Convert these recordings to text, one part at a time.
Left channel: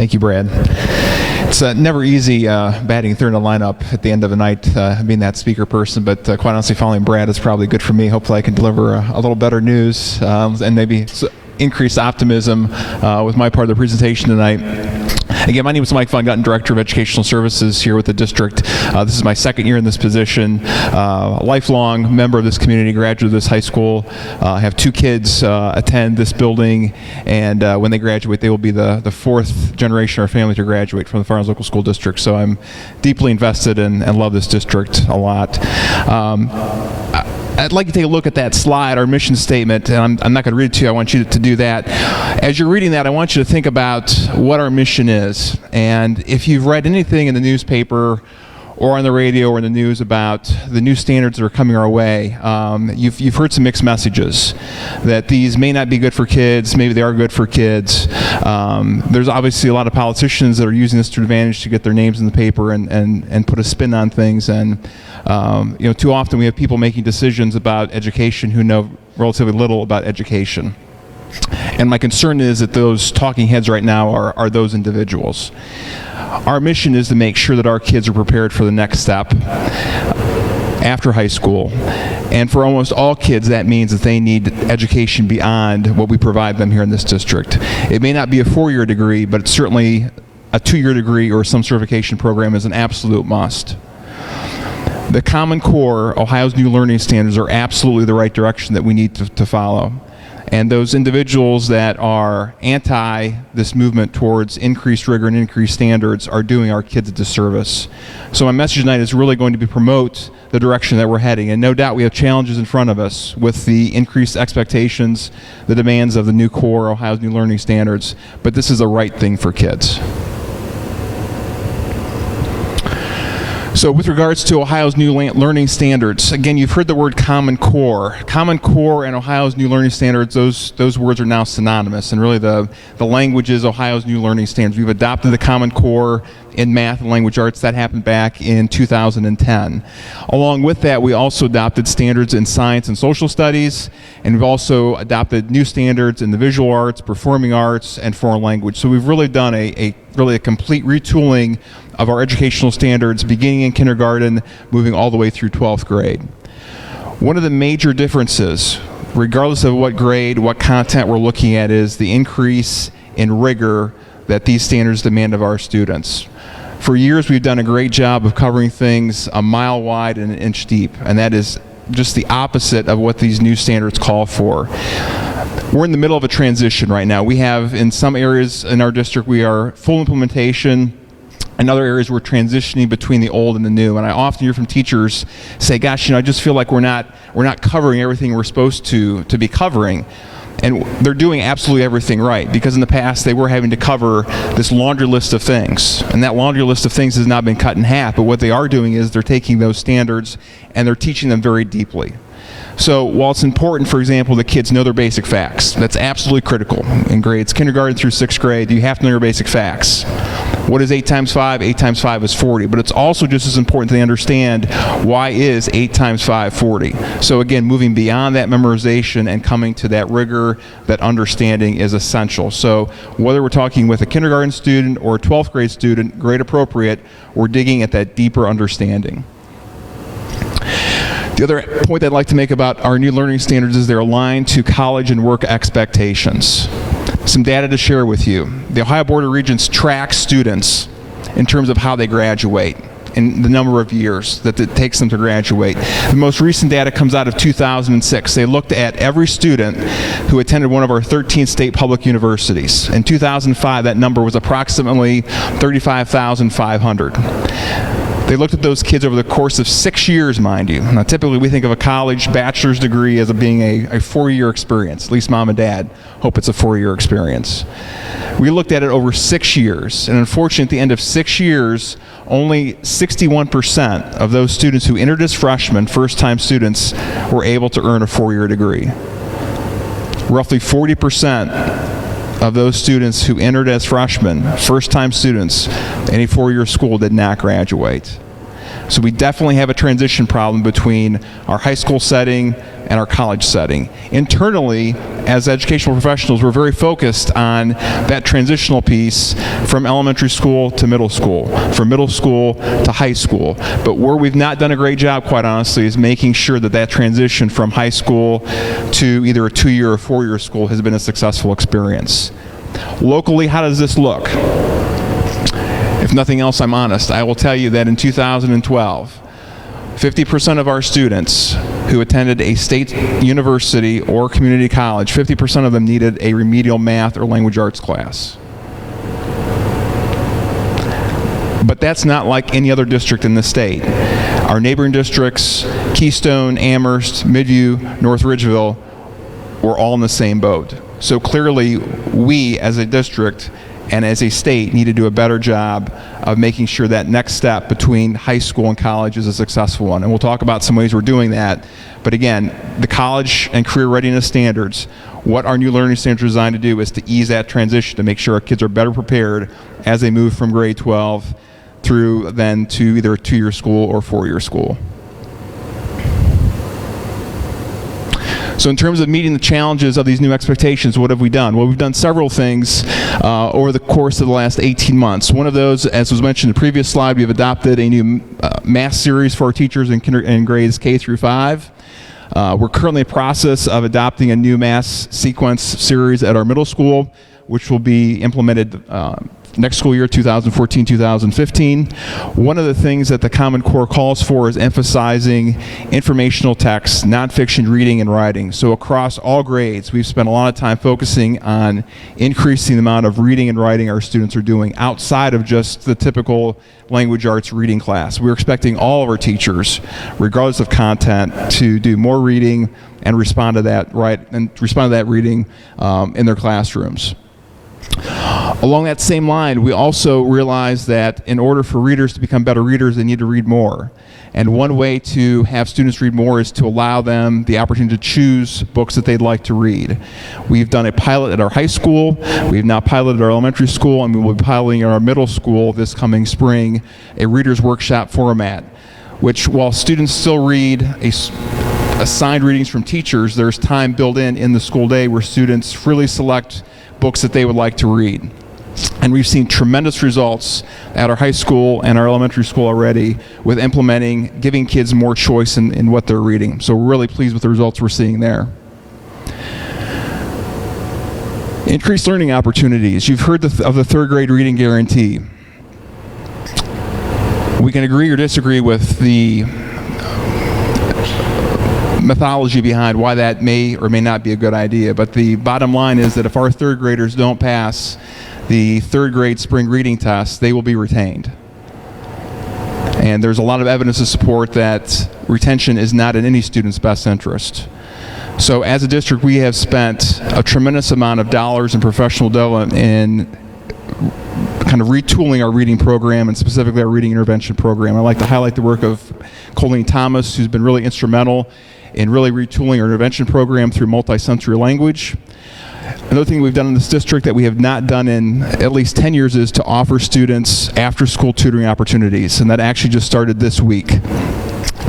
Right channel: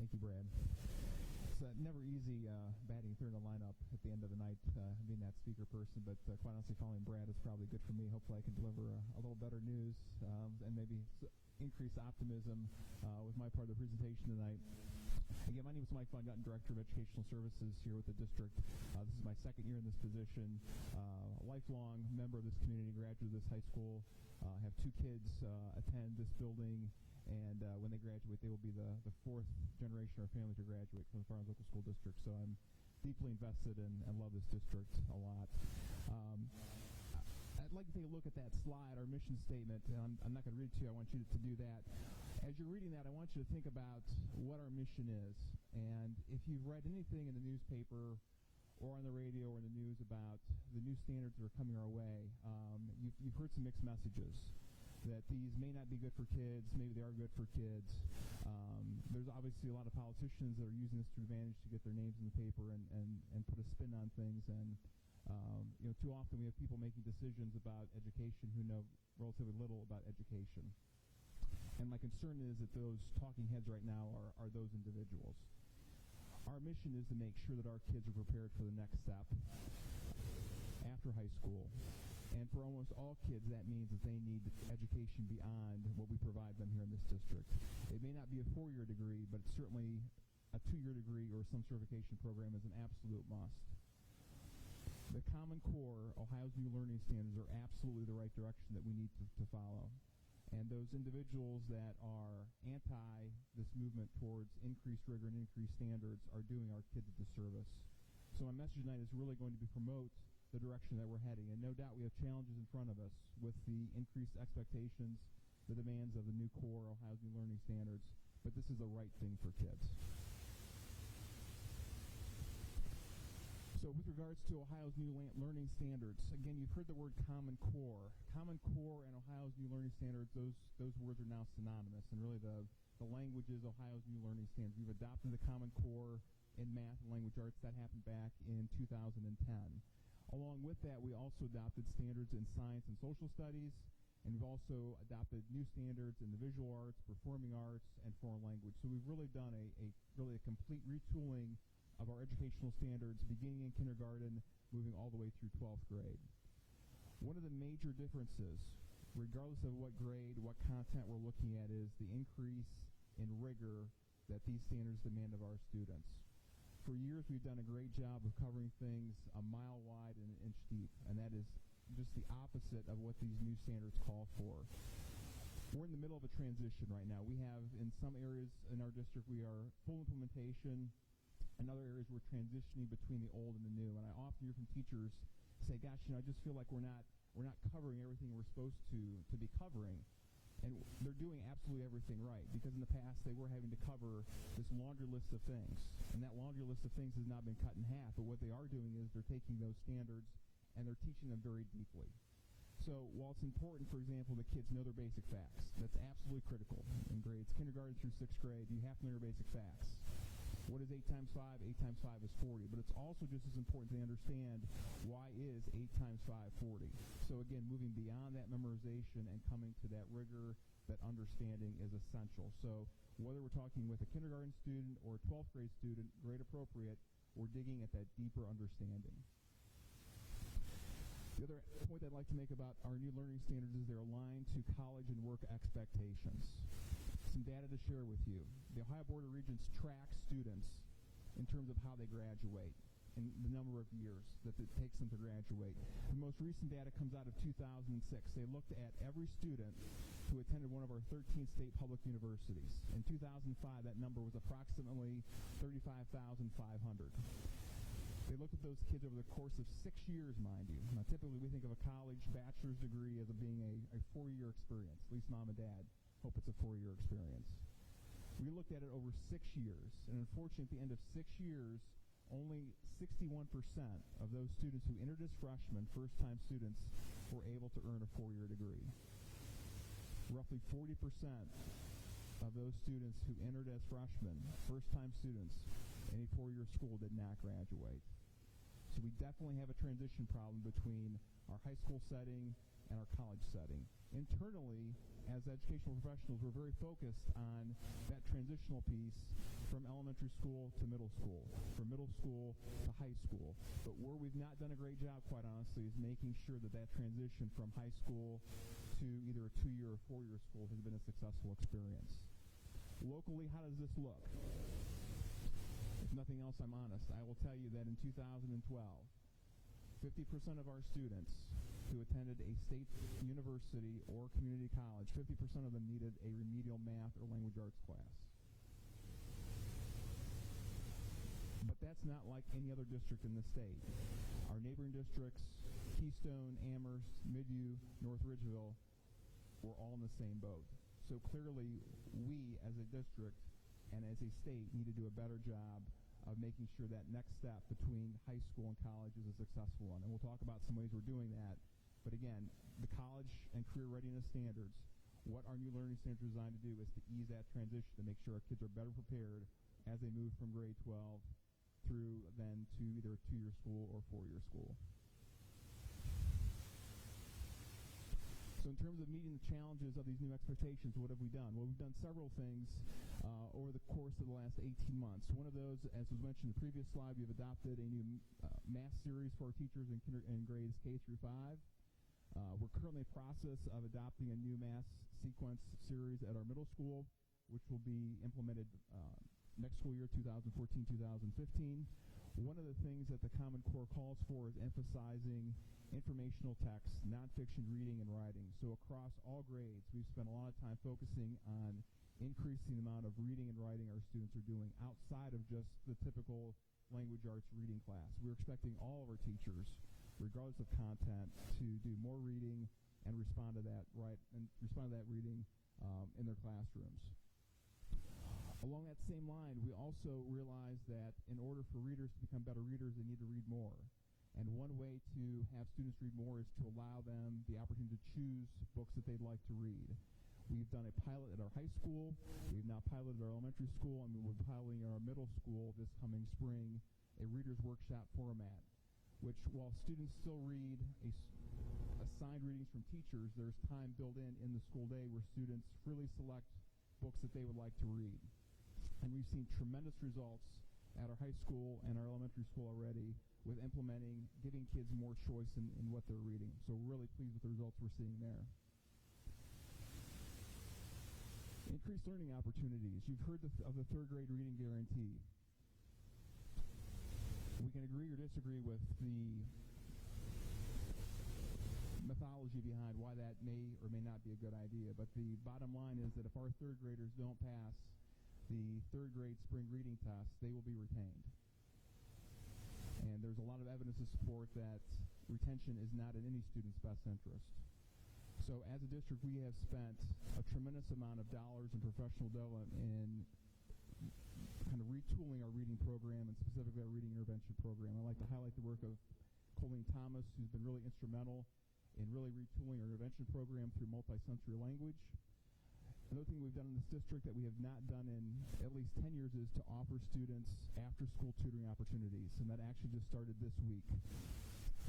Thank you, Brad. It's never easy batting third in the lineup at the end of the night, being that speaker person, but quite honestly, following Brad is probably good for me. Hopefully I can deliver a little better news and maybe increased optimism with my part of the presentation tonight. Again, my name is Mike Von Gutten, Director of Educational Services here with the district. This is my second year in this position. A lifelong member of this community, graduate of this high school. I have two kids attend this building, and when they graduate, they will be the fourth generation of our family to graduate from the Firelands Local School District. So I'm deeply invested in and love this district a lot. I'd like to take a look at that slide, our mission statement, and I'm not going to read it to you. I want you to do that. As you're reading that, I want you to think about what our mission is. And if you've read anything in the newspaper or on the radio or in the news about the new standards that are coming our way, you've heard some mixed messages, that these may not be good for kids, maybe they are good for kids. There's obviously a lot of politicians that are using this to advantage to get their names in the paper and put a spin on things. And too often we have people making decisions about education who know relatively little about education. And my concern is that those talking heads right now are those individuals. Our mission is to make sure that our kids are prepared for the next step after high school. And for almost all kids, that means that they need education beyond what we provide them here in this district. It may not be a 4-year degree, but it's certainly a 2-year degree or some certification program is an absolute must. The Common Core, Ohio's new learning standards, are absolutely the right direction that we need to follow. And those individuals that are anti this movement towards increased rigor and increased standards are doing our kids a disservice. So my message tonight is really going to be promote the direction that we're heading. And no doubt we have challenges in front of us with the increased expectations, the demands of the new core, Ohio's new learning standards. But this is the right thing for kids. So with regards to Ohio's new learning standards, again, you've heard the word Common Core. Common Core and Ohio's new learning standards, those words are now synonymous. And really the language is Ohio's new learning standards. We've adopted the Common Core in math and language arts. That happened back in 2010. Along with that, we also adopted standards in science and social studies, and we've also adopted new standards in the visual arts, performing arts, and foreign language. So we've really done a complete retooling of our educational standards, beginning in kindergarten, moving all the way through 12th grade. One of the major differences, regardless of what grade, what content we're looking at, is the increase in rigor that these standards demand of our students. For years, we've done a great job of covering things a mile wide and an inch deep, and that is just the opposite of what these new standards call for. We're in the middle of a transition right now. We have, in some areas in our district, we are full implementation. In other areas, we're transitioning between the old and the new. And I often hear from teachers say, gosh, I just feel like we're not covering everything we're supposed to be covering. And they're doing absolutely everything right, because in the past they were having to cover this laundry list of things. And that laundry list of things has now been cut in half. But what they are doing is they're taking those standards and they're teaching them very deeply. So while it's important, for example, that kids know their basic facts, that's absolutely critical. In grades kindergarten through 6th grade, you have to know your basic facts. What is 8 times 5? 8 times 5 is 40. But it's also just as important that they understand why is 8 times 5 40. So again, moving beyond that memorization and coming to that rigor, that understanding is essential. So whether we're talking with a kindergarten student or a 12th grade student, grade appropriate, we're digging at that deeper understanding. The other point I'd like to make about our new learning standards is they're aligned to college and work expectations. Some data to share with you. The Ohio Board of Regents tracks students in terms of how they graduate and the number of years that it takes them to graduate. The most recent data comes out of 2006. They looked at every student who attended one of our 13 state public universities. In 2005, that number was approximately 35,500. They looked at those kids over the course of 6 years, mind you. Now, typically we think of a college bachelor's degree as being a 4-year experience. At least mom and dad hope it's a 4-year experience. We looked at it over 6 years, and unfortunately at the end of 6 years, only 61% of those students who entered as freshmen, first-time students, were able to earn a 4-year degree. Roughly 40% of those students who entered as freshmen, first-time students, any 4-year school did not graduate. So we definitely have a transition problem between our high school setting and our college setting. Internally, as educational professionals, we're very focused on that transitional piece from elementary school to middle school, from middle school to high school. But where we've not done a great job, quite honestly, is making sure that that transition from high school to either a 2-year or 4-year school has been a successful experience. Locally, how does this look? If nothing else, I'm honest. I will tell you that in 2012, 50% of our students who attended a state university or community college, 50% of them needed a remedial math or language arts class. But that's not like any other district in the state. Our neighboring districts, Keystone, Amherst, Midview, North Ridgeville, were all in the same boat. So clearly, we as a district and as a state need to do a better job of making sure that next step between high school and college is a successful one. And we'll talk about some ways we're doing that. But again, the college and career readiness standards, what our new learning standards are designed to do is to ease that transition, to make sure our kids are better prepared as they move from grade 12 through then to either a 2-year school or 4-year school. So in terms of meeting the challenges of these new expectations, what have we done? Well, we've done several things over the course of the last 18 months. One of those, as was mentioned in the previous slide, we've adopted a new math series for our teachers in grades K through 5. We're currently in the process of adopting a new math sequence series at our middle school, which will be implemented next school year, 2014-2015. One of the things that the Common Core calls for is emphasizing informational text, nonfiction reading and writing. So across all grades, we've spent a lot of time focusing on increasing the amount of reading and writing our students are doing outside of just the typical language arts reading class. We're expecting all of our teachers, regardless of content, to do more reading and respond to that reading in their classrooms. Along that same line, we also realize that in order for readers to become better readers, they need to read more. And one way to have students read more is to allow them the opportunity to choose books that they'd like to read. We've done a pilot at our high school, we've now piloted our elementary school, and we will be piloting at our middle school this coming spring, a reader's workshop format, which while students still read assigned readings from teachers, there's time built in the school day where students freely select books that they would like to read. And we've seen tremendous results at our high school and our elementary school already with implementing, giving kids more choice in what they're reading. So we're really pleased with the results we're seeing there. Increased learning opportunities. You've heard of the third grade reading guarantee. We can agree or disagree with the methodology behind why that may or may not be a good idea, but the bottom line is that if our third graders don't pass the third grade spring reading test, they will be retained. And there's a lot of evidence to support that retention is not in any student's best interest. So as a district, we have spent a tremendous amount of dollars in professional development in kind of retooling our reading program, and specifically our reading intervention program. I'd like to highlight the work of Colleen Thomas, who's been really instrumental in really retooling our intervention program through multisensory language. Another thing we've done in this district that we have not done in at least 10 years is to offer students after-school tutoring opportunities, and that actually just started this week.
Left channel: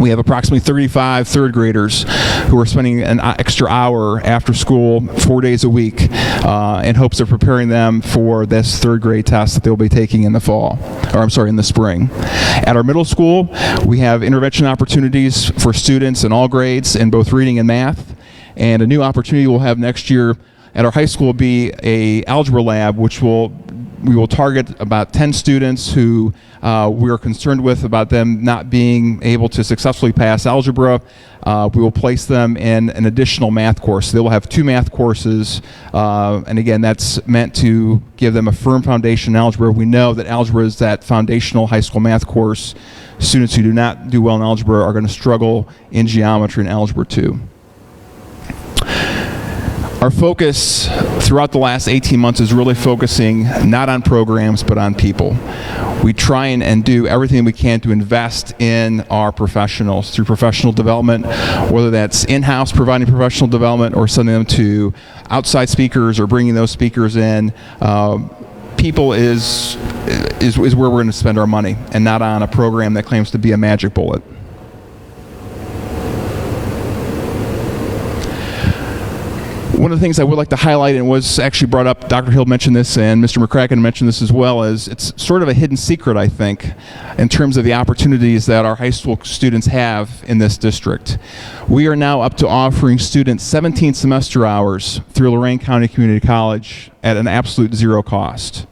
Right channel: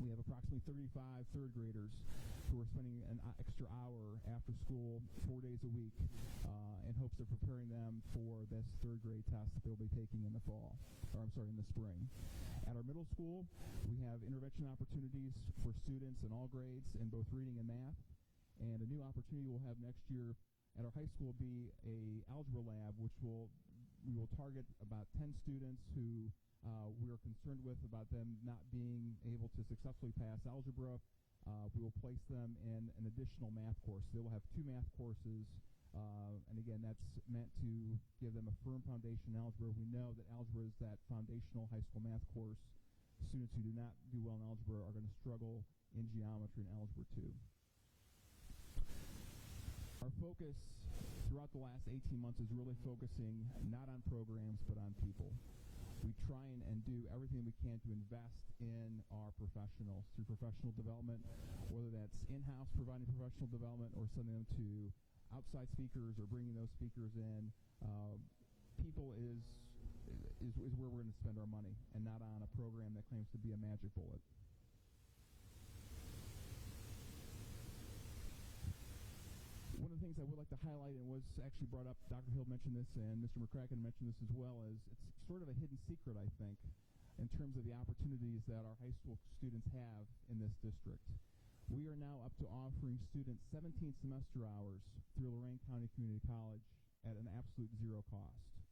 We have approximately 35 third graders who are spending an extra hour after school 4 days a week in hopes of preparing them for this third grade test that they'll be taking in the in the spring. At our middle school, we have intervention opportunities for students in all grades in both reading and math. And a new opportunity we'll have next year at our high school will be a algebra lab, which we will target about 10 students who we are concerned with about them not being able to successfully pass algebra. We will place them in an additional math course. They will have 2 math courses, and again, that's meant to give them a firm foundation in algebra. We know that algebra is that foundational high school math course. Students who do not do well in algebra are going to struggle in geometry and algebra too. Our focus throughout the last 18 months is really focusing not on programs, but on people. We try and do everything we can to invest in our professionals through professional development, whether that's in-house providing professional development or sending them to outside speakers or bringing those speakers in. people is where we're going to spend our money, and not on a program that claims to be a magic bullet. One of the things I would like to highlight, and was actually brought up, Dr. Hill mentioned this and Mr. McCracken mentioned this as well, is it's sort of a hidden secret, I think, in terms of the opportunities that our high school students have in this district. We are now up to offering students 17 semester hours through Lorain County Community College at an absolute zero cost.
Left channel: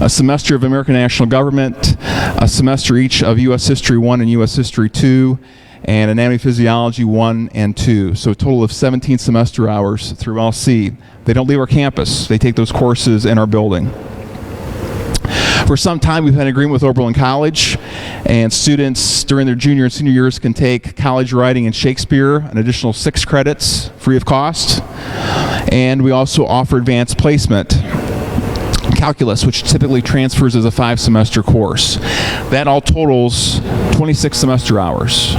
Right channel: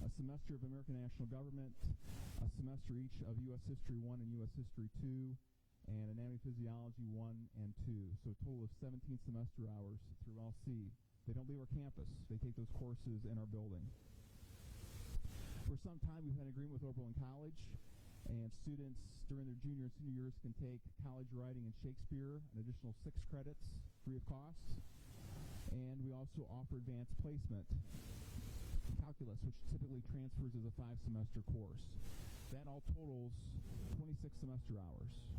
A semester of American National Government, a semester each of U.S. History 1 and U.S. History 2, and Anatomy Physiology 1 and 2. So a total of 17 semester hours through LC. They don't leave our campus. They take those courses in our building. For some time, we've had an agreement with Oberlin College, and students during their junior and senior years can take college writing and Shakespeare, an additional 6 credits free of cost. And we also offer advanced placement calculus, which typically transfers as a 5-semester course. That all totals 26 semester hours.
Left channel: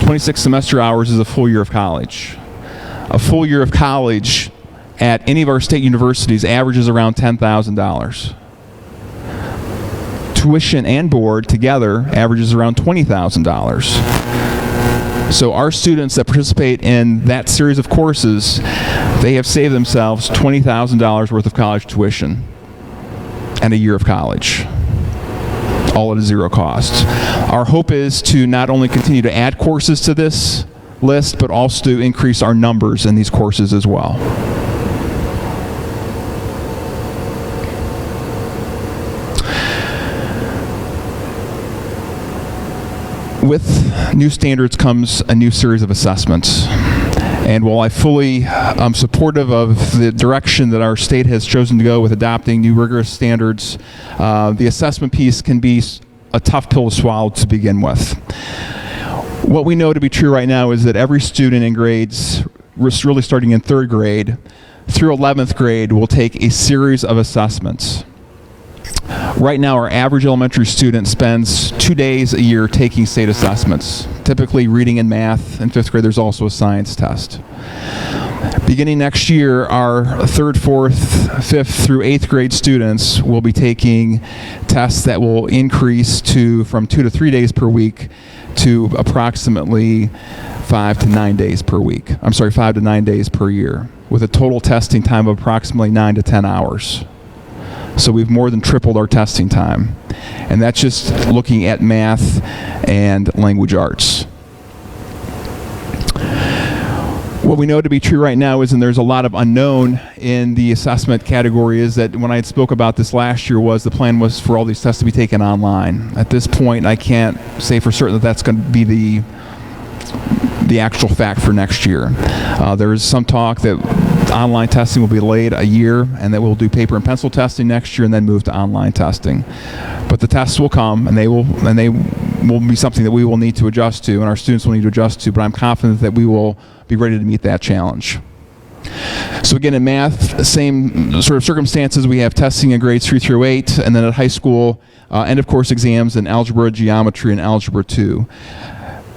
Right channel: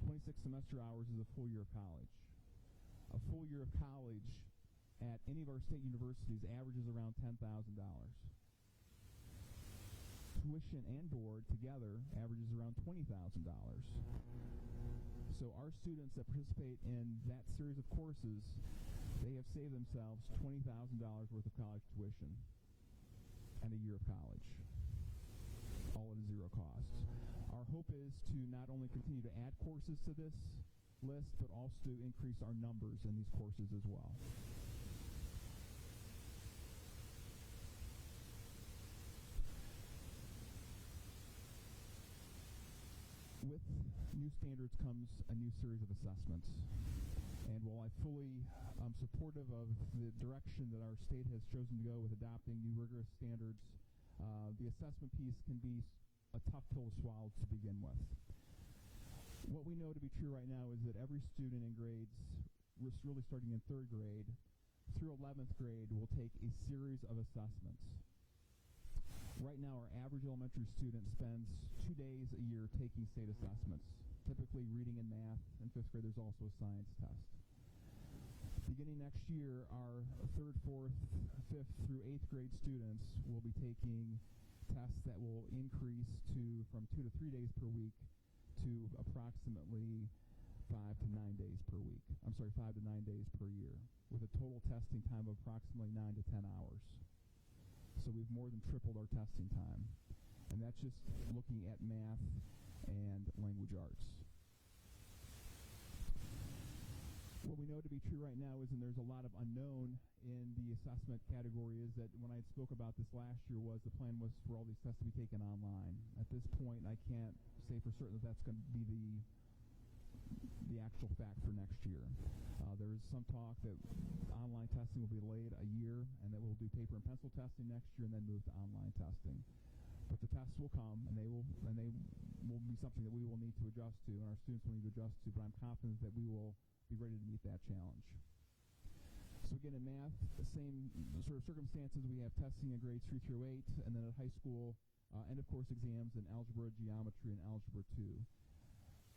26 semester hours is a full year of college. A full year of college at any of our state universities averages around $10,000. Tuition and board together averages around $20,000. So our students that participate in that series of courses, they have saved themselves $20,000 worth of college tuition and a year of college, all at a zero cost. Our hope is to not only continue to add courses to this list, but also to increase our numbers in these courses as well. With new standards comes a new series of assessments. And while I fully am supportive of the direction that our state has chosen to go with adopting new rigorous standards, the assessment piece can be a tough pill to swallow to begin with. What we know to be true right now is that every student in grades, really starting in 3rd grade through 11th grade, will take a series of assessments. Right now, our average elementary student spends 2 days a year taking state assessments, typically reading and math. In 5th grade, there's also a science test. Beginning next year, our 3rd, 4th, 5th through 8th grade students will be taking tests that will increase from 2 to 3 days per week to approximately 5 to 9 days per week. 5 to 9 days per year, with a total testing time of approximately 9 to 10 hours. So we've more than tripled our testing time. And that's just looking at math and language arts. What we know to be true right now is, and there's a lot of unknown in the assessment category, is that when I had spoke about this last year, the plan was for all these tests to be taken online. At this point, I can't say for certain that that's going to be the actual fact for next year. There is some talk that online testing will be delayed a year, and that we'll do paper and pencil testing next year and then move to online testing. But the tests will come, and they will be something that we will need to adjust to, and our students will need to adjust to, but I'm confident that we will be ready to meet that challenge. So again, in math, same sort of circumstances. We have testing in grades 3 through 8, and then at high school, end of course exams in algebra, geometry, and algebra 2.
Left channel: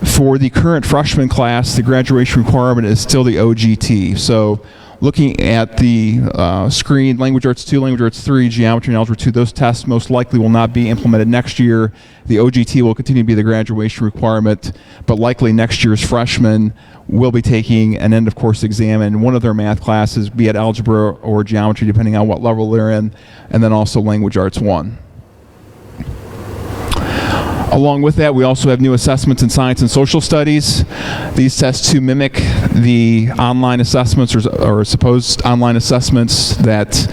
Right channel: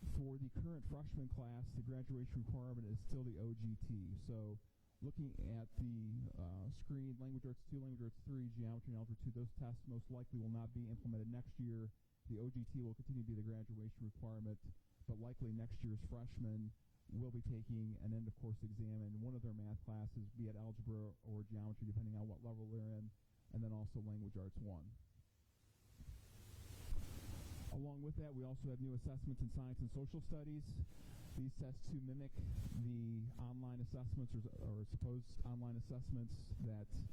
For the current freshman class, the graduation requirement is still the OGT. So looking at the screen, Language Arts 2, Language Arts 3, Geometry, and Algebra 2, those tests most likely will not be implemented next year. The OGT will continue to be the graduation requirement, but likely next year's freshmen will be taking an end-of-course exam in one of their math classes, be it Algebra or Geometry, depending on what level they're in, and then also Language Arts 1. Along with that, we also have new assessments in science and social studies. These tests to mimic the online assessments or supposed online assessments that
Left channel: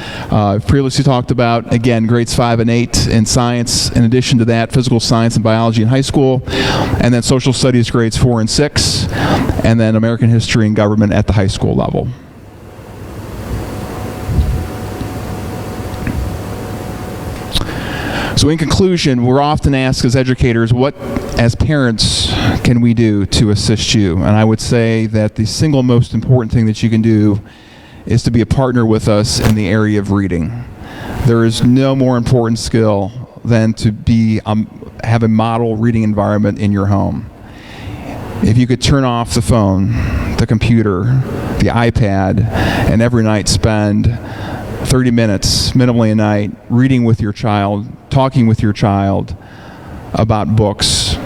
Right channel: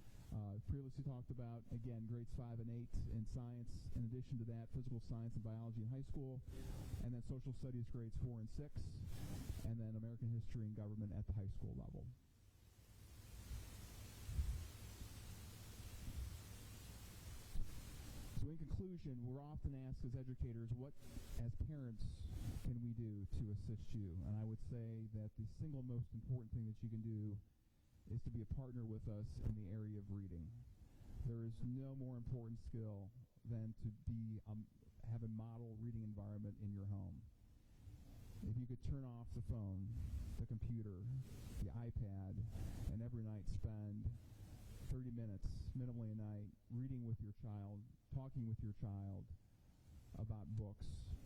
previously talked about. Again, grades 5 and 8 in science. In addition to that, physical science and biology in high school. And then social studies grades 4 and 6. And then American history and government at the high school level. So in conclusion, we're often asked as educators, what as parents can we do to assist you? And I would say that the single most important thing that you can do is to be a partner with us in the area of reading. There is no more important skill than to have a model reading environment in your home. If you could turn off the phone, the computer, the iPad, and every night spend 30 minutes minimally a night, reading with your child, talking with your child about books,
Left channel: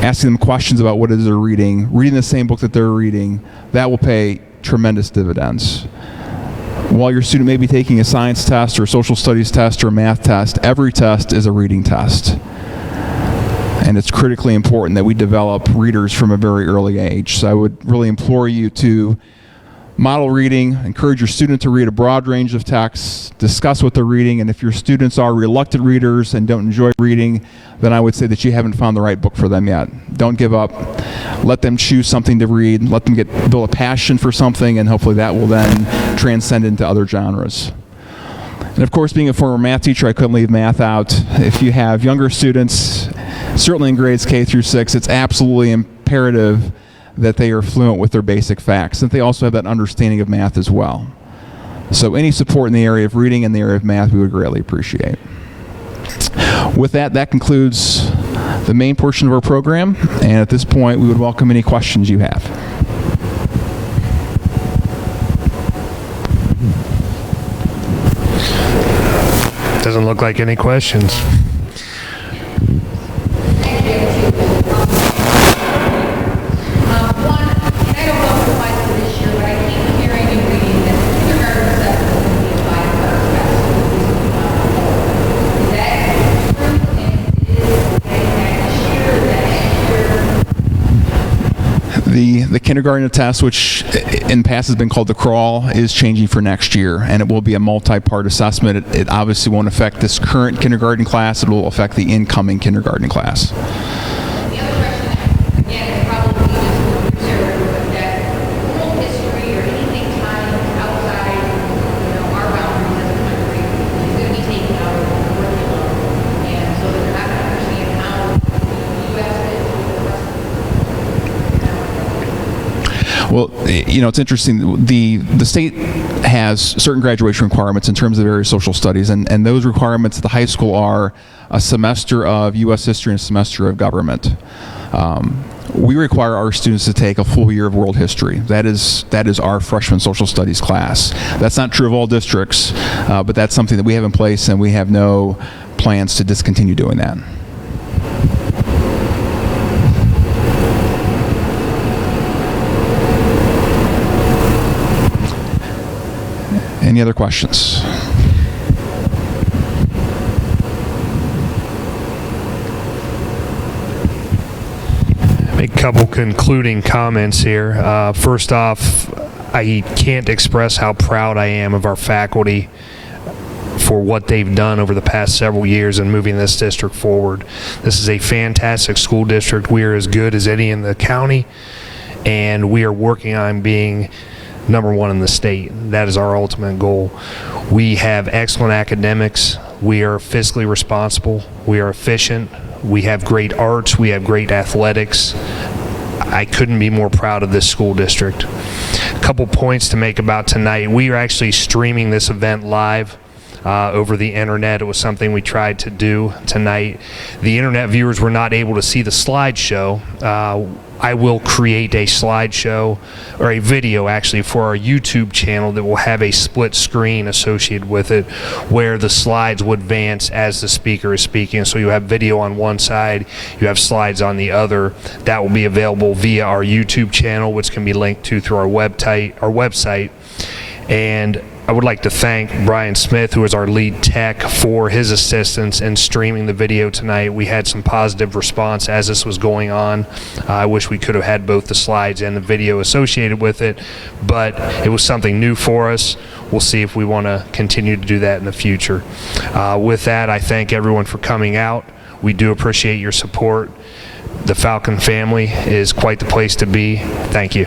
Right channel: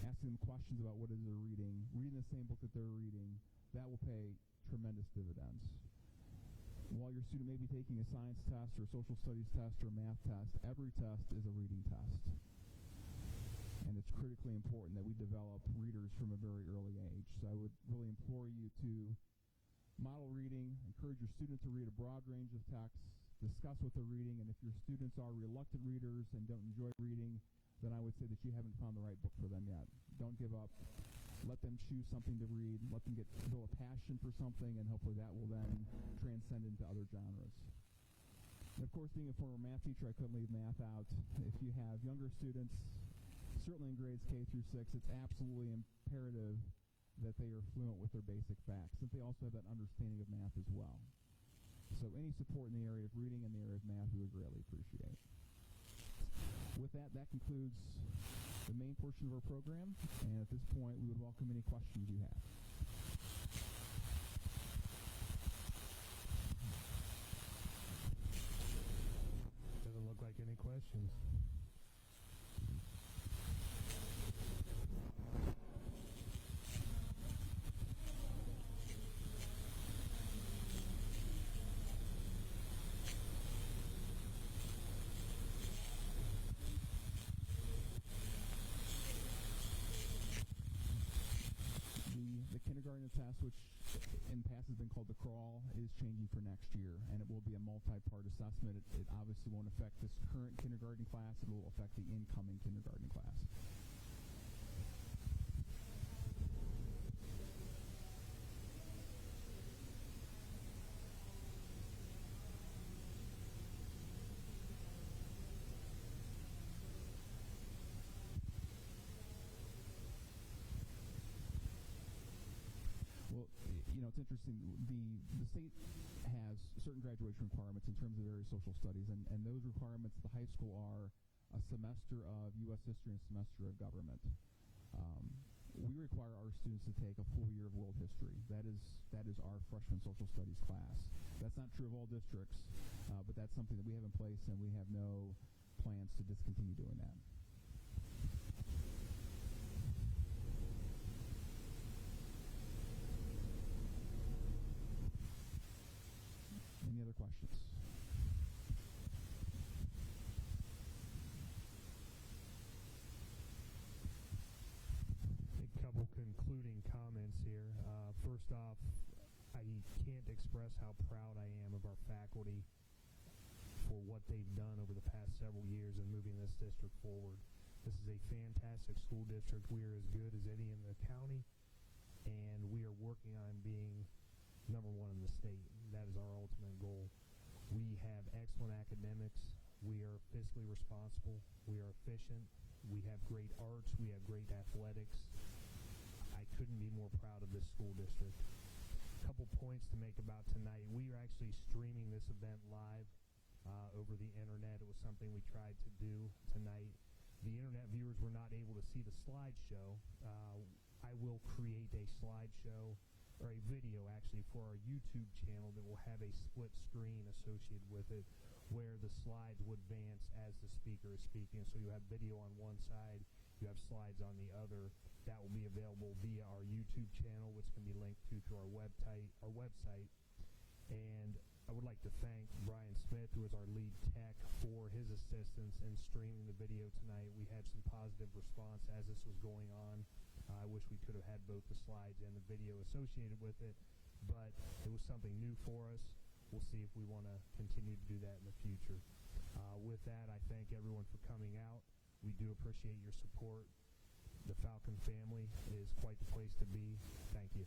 asking them questions about what it is they're reading the same book that they're reading, that will pay tremendous dividends. While your student may be taking a science test or a social studies test or a math test, every test is a reading test. And it's critically important that we develop readers from a very early age. So I would really implore you to model reading, encourage your student to read a broad range of texts, discuss what they're reading, and if your students are reluctant readers and don't enjoy reading, then I would say that you haven't found the right book for them yet. Don't give up. Let them choose something to read. Let them build a passion for something, and hopefully that will then transcend into other genres. And of course, being a former math teacher, I couldn't leave math out. If you have younger students, certainly in grades K through 6, it's absolutely imperative that they are fluent with their basic facts, that they also have that understanding of math as well. So any support in the area of reading and the area of math, we would greatly appreciate. With that, that concludes the main portion of our program, and at this point, we would welcome any questions you have. Doesn't look like any questions. The kindergarten test, which in the past has been called the crawl, is changing for next year, and it will be a multi-part assessment. It obviously won't affect this current kindergarten class. It will affect the incoming kindergarten class. The other question, again, is probably just that world history or anything tied outside, our boundaries as a country is going to be taken out of the curriculum, and so that they're not going to understand how the U.S. fits with the rest of the Well, it's interesting. The state has certain graduation requirements in terms of various social studies, and those requirements at the high school are a semester of U.S. history and a semester of government. We require our students to take a full year of world history. That is our freshman social studies class. That's not true of all districts, but that's something that we have in place, and we have no plans to discontinue doing that. Any other questions? Make a couple concluding comments here. First off, I can't express how proud I am of our faculty for what they've done over the past several years in moving this district forward. This is a fantastic school district. We are as good as any in the county, and we are working on being number one in the state. That is our ultimate goal. We have excellent academics. We are fiscally responsible. We are efficient. We have great arts. We have great athletics. I couldn't be more proud of this school district. A couple points to make about tonight. We are actually streaming this event live over the internet. It was something we tried to do tonight. The internet viewers were not able to see the slideshow. I will create a slideshow, or a video actually, for our YouTube channel that will have a split screen associated with it, where the slides would advance as the speaker is speaking. So you have video on one side, you have slides on the other. That will be available via our YouTube channel, which can be linked to through our website. And I would like to thank Brian Smith, who is our lead tech, for his assistance in streaming the video tonight. We had some positive response as this was going on. I wish we could have had both the slides and the video associated with it, but it was something new for us. We'll see if we want to continue to do that in the future. With that, I thank everyone for coming out. We do appreciate your support. The Falcon family is quite the place to be. Thank you.